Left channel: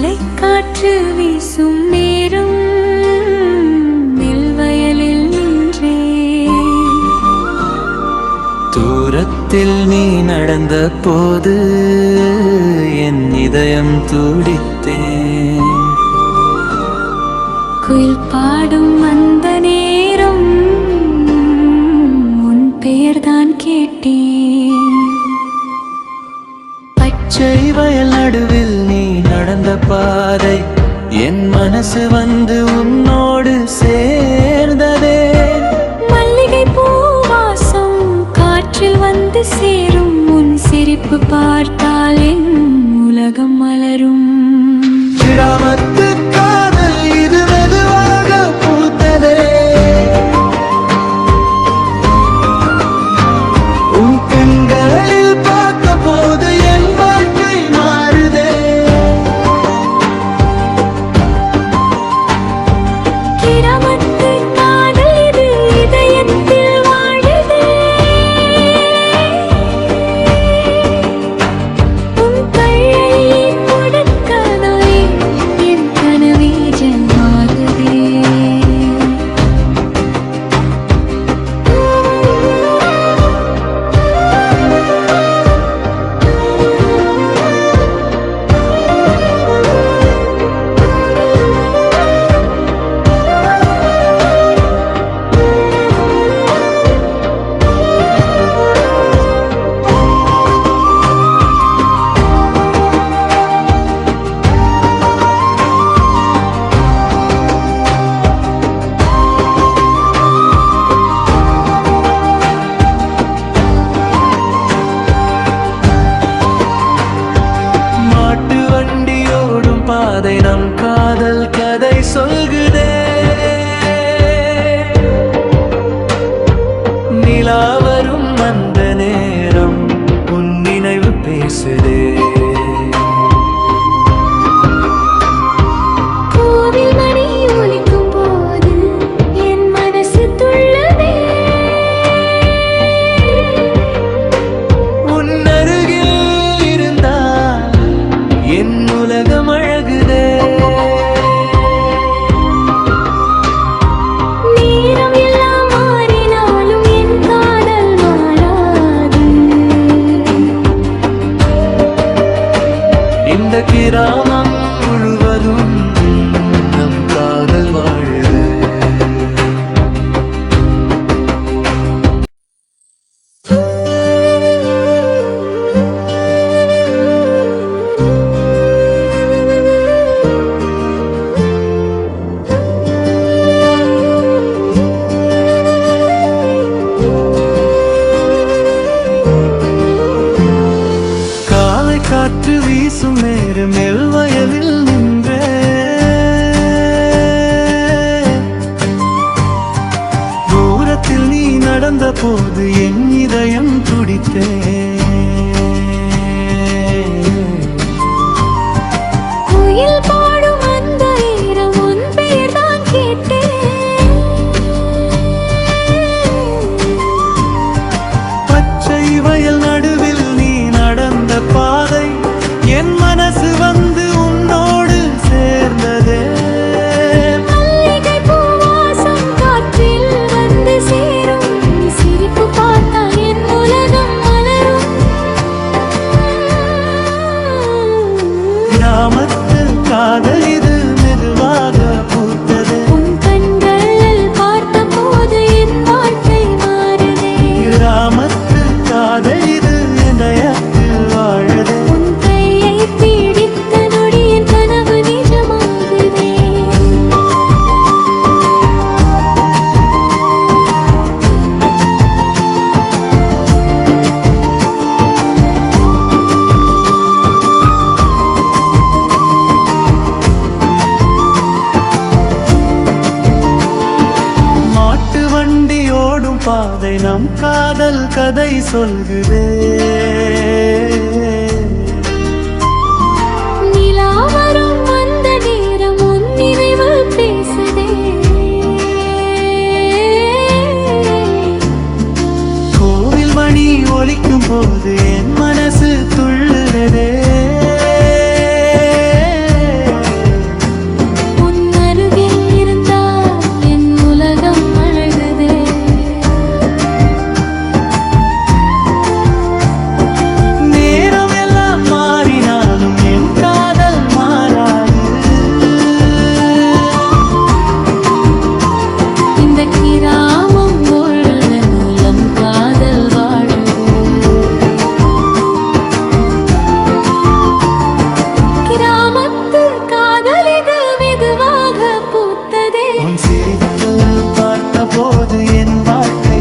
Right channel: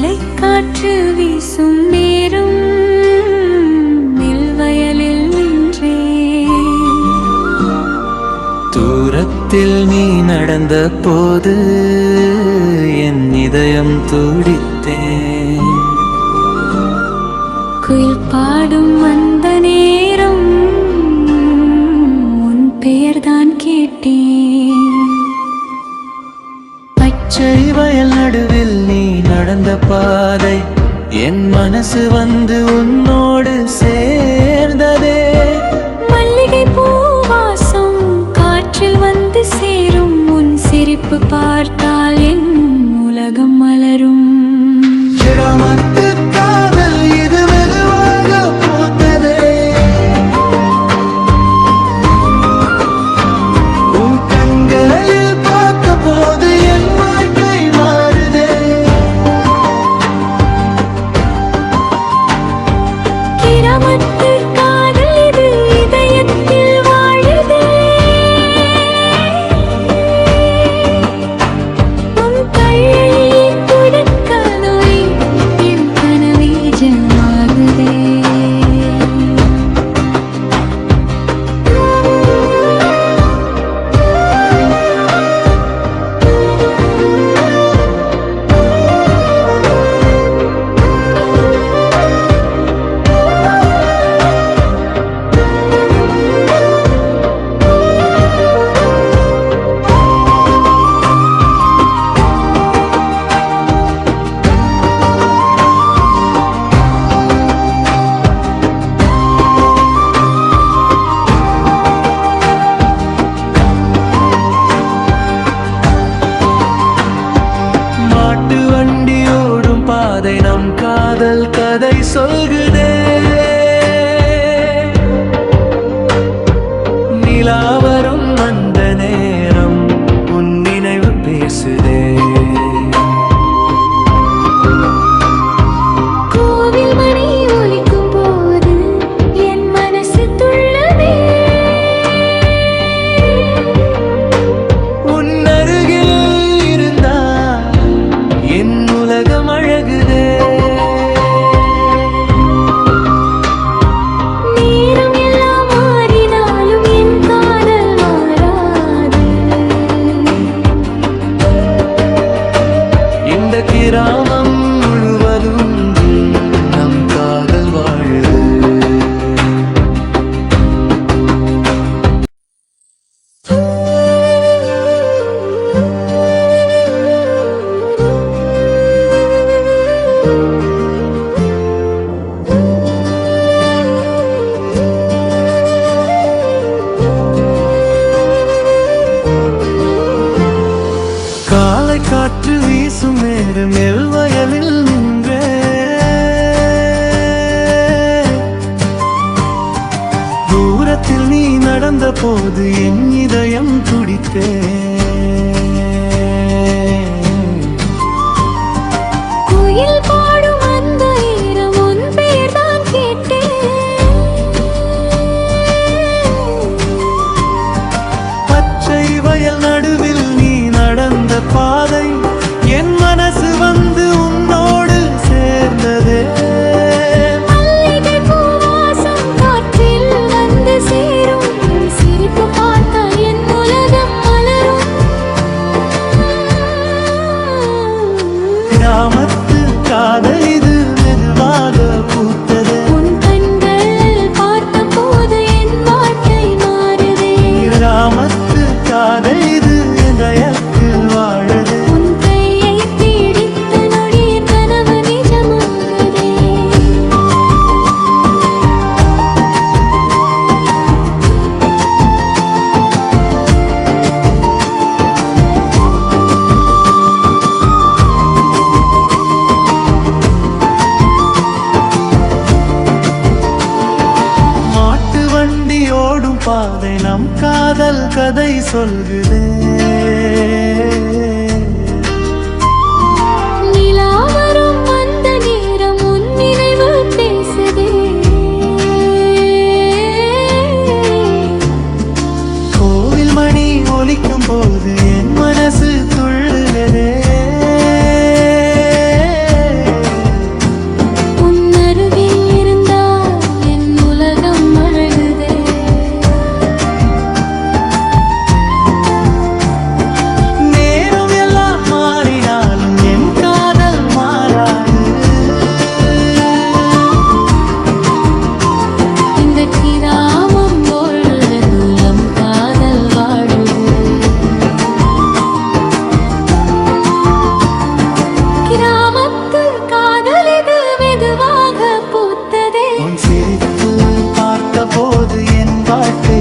காலை காற்று வீசும் நேரம் நெல்வயலில் நின்றே தூரத்தில் நீ நடந்த போது என் இதயம் துடித்தேன். குயில் பாடும் அந்த நேரம் உன் பெயர்தான் கேட்டேன். பச்சை வயல் நடுவில் நீ நடந்த பாதை என் மனசு வந்து உன்னோடு சேர்ந்ததே. மல்லிகை பூவாசம் காற்றில் வந்து சேரும் உன் சிரிப்பு பார்த்தால் என் உலகம் மலரும். கிராமத்து காதல் இது மெதுவாக பூத்ததே. உன் கண்களில் பார்க்க போது என் வாழ்க்கை மாறுதே. கிராமத்து காதல் இது இதயத்தில் வாழுதே. உன் கையை புடக்கதே என் கனவே ஜமாகுதே. மாட்டு வண்டியோடும் பாதை நம் காதல் கதை சொல்குதே. நிலா வரும் அந்த நேரம் உன் நினைவு பேசுதே. கோவில் மணி ஒலிக்கும் போது என் மனசு துள்ளுதே. உன் அருகில் இருந்தால் என் உலகம் அழகுதே. நேரம் எல்லாம் மாறினாலும் என் காதல் மாறாது. இந்த கிராமம் முழுவதும் நம் காதல் வாழுது. காலை காற்று வீசும் நேரம் நெல்வயலில் நின்றே. தூரத்தில் நீ நடந்த போது என் இதயம் துடித்தே. குயில் பாடும் அந்த நேரம் உன் பெயர்தான் கேட்டேன். பச்சை வயல் நடுவில் நீ நடந்த பாதை என் மனசு வந்து உன்னோடு சேர்ந்ததே. மல்லிகை பூவாசம் காற்றில் வந்து சேரும் உன் சிரிப்பு பார்த்தால் என் உலகம் மலரும். கிராமத்து காதல் இது மெதுவாக பூத்தது. உன் கண்களில் பார்த்த போது என் வாழ்க்கை மாறுதே. கிராமத்து காதல் இது இதயத்தில் வாழுதே. உன் கையை பிடித்த நொடி என் கனவு நிஜமாகுதே. மாட்டு வண்டி ஓடும் பாதை நம் காதல் கதை சொல்குதே. நிலா வரும் அந்த நேரம் உன் நினைவு பேசுதே. கோவில் மணி ஒலிக்கும் போது என் மனசு துள்ளுதே. போது என் வாழ்க்கை